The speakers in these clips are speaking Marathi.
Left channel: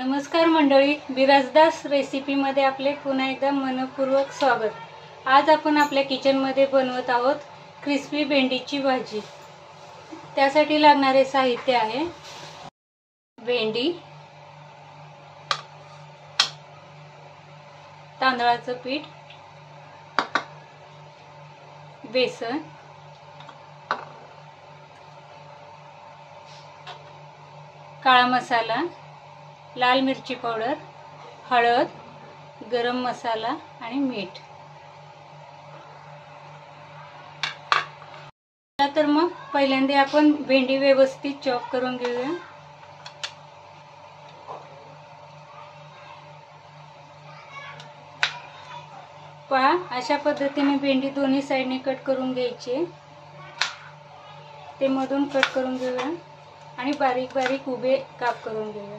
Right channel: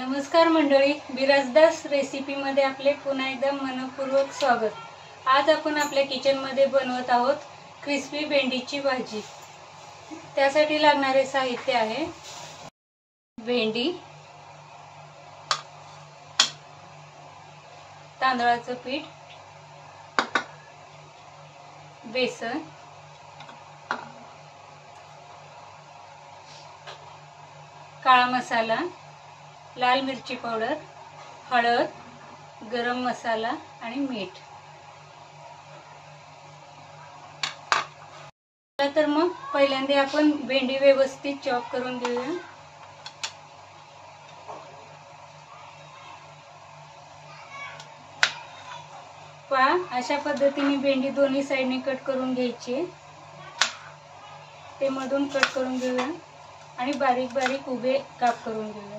नमस्कार मंडळी, बिराजदास रेसिपीमध्ये आपले पुन्हा एकदा मनपूर्वक स्वागत। आज आपण आपल्या किचनमध्ये बनवत आहोत क्रिस्पी भेंडीची भाजी। त्यासाठी लागणारे साहित्य आहे भेंडी, तांदळाचं पीठ, बेसन, काळा मसाला, लाल मिरची पावडर, हळद, गरम मसाला आणि मीठ। तर मग पहिल्यांदा आपण भेंडी व्यवस्थित चॉप करून घेऊया। पहा, अशा पद्धतीने भेंडी दोन्ही साइडने कट करून घ्यायची। ते मधून कट करून घेऊया आणि बारीक बारीक उभे काप करून घेऊया।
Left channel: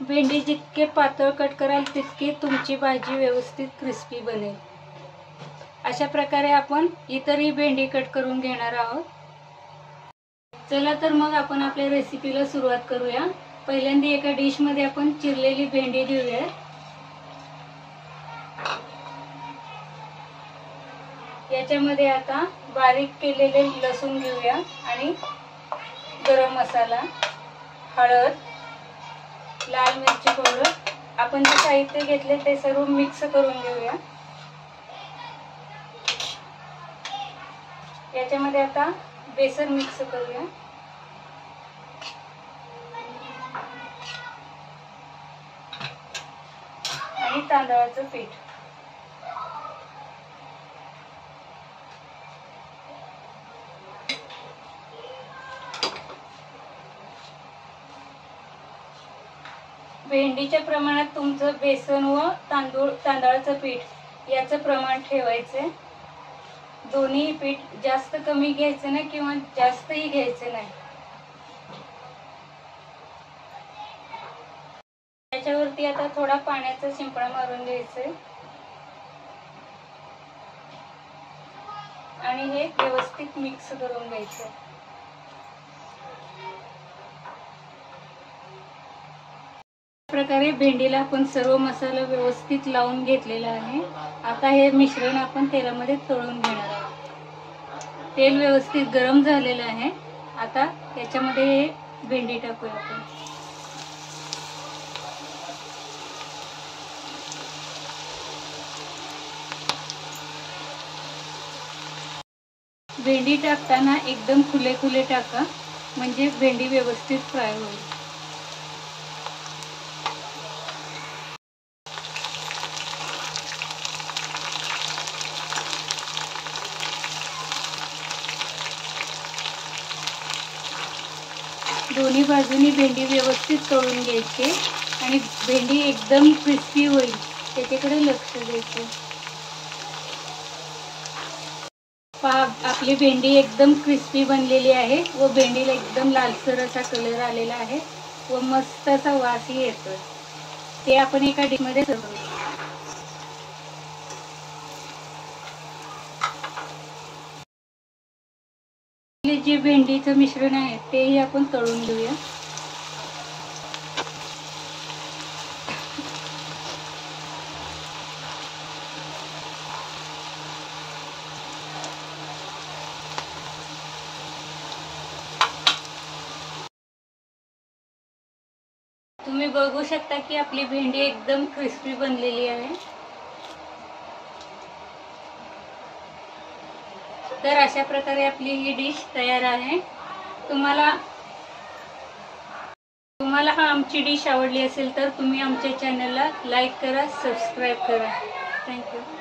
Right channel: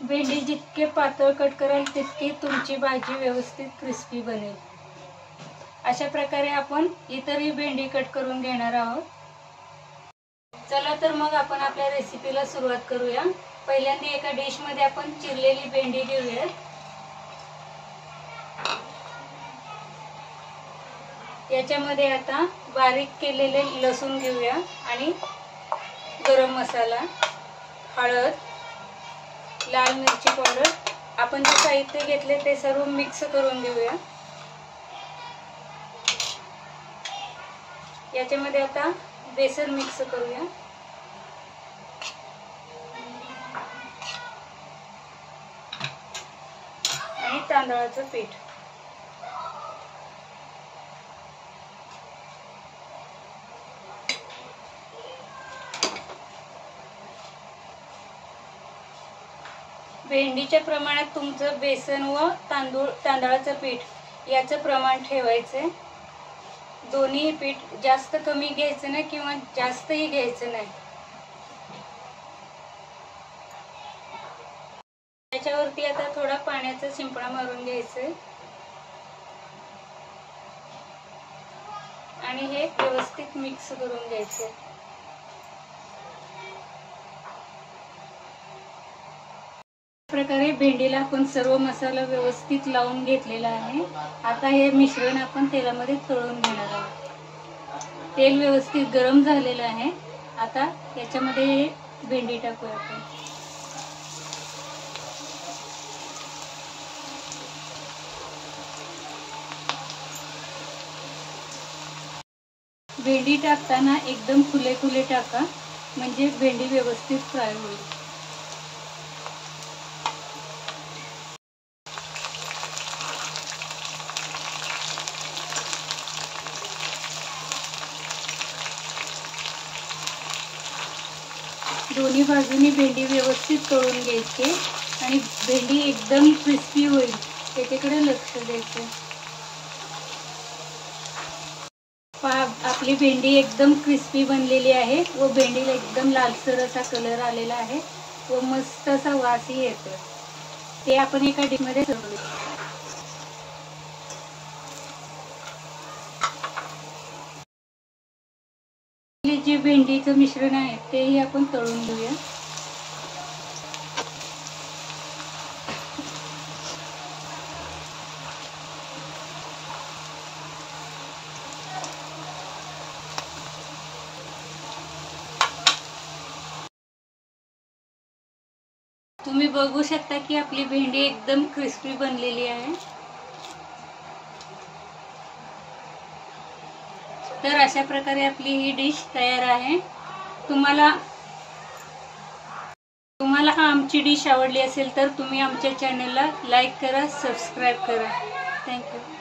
भेंडी जितके पातळ कट कराल तितकी तुमची भाजी व्यवस्थित क्रिस्पी बनेल। अशा प्रकारे आपण इतरही भेंडी कट करून घेणार आहोत। चला तर मग आपण आपल्या रेसिपीला सुरुवात करूया। पहिल्यांदा एका डिश मध्ये आपण चिरलेली भेंडी घेऊया। याच्यामध्ये आता बारीक केलेले लसूण घेऊया आणि गरम मसाला, हळद, लाल मिरची पावडर, आपण जे साहित्य घेतले ते सर्व मिक्स करून घेऊया। याच्यामध्ये आता बेसन मिक्स करूया आणि तांदळाचं पीठ। भेंडीच्या प्रमाणात तुमचं बेसन व तांदळाचं पीठ याचं प्रमाण ठेवायचं। दोन्ही पीठ जास्त कमी घ्यायचं नाही किंवा जास्तही घ्यायचं नाही। त्याच्यावरती आता थोडा पाण्याचा शिंपडा मारून घ्यायचं आणि हे व्यवस्थित मिक्स करून घ्यायचं। प्रकारे भेंडीला आपण सर्व मसाला व्यवस्थित लावून घेतलेला आहे। आता हे मिश्रण आपण तेलामध्ये तळून घेणार आहोत। तेल व्यवस्थित गरम झालेलं आहे। आता त्याच्यामध्ये हे भेंडी टाकूया आपण। भेंडी टाकताना एकदम खुले खुले टाका, म्हणजे भेंडी व्यवस्थित फ्राय होईल। दोन्ही बाजूनी भेंडी व्यवस्थित तळून घ्यायची आणि भेंडी एकदम क्रिस्पी होईल त्याच्याकडे लक्ष द्यायचं। पहा, आपली भेंडी एकदम क्रिस्पी बनलेली आहे व भेंडीला एकदम लालसर असा कलर आलेला आहे व मस्त असा वासही येतो। ते आपण एका डिश मध्ये सर्व जे भेंडीचं मिश्रण आहे तेही आपण तळून घेऊया। तुम्ही बघू शकता की आपली भेंडी एकदम क्रिस्पी बनलेली आहे। तर अशा प्रकारे आपली ही डिश तयार आहे। तुम्हाला आमची डिश आवडली असेल तर तुम्ही आमच्या चॅनलला लाईक करा, सबस्क्राईब करा। थँक्यू।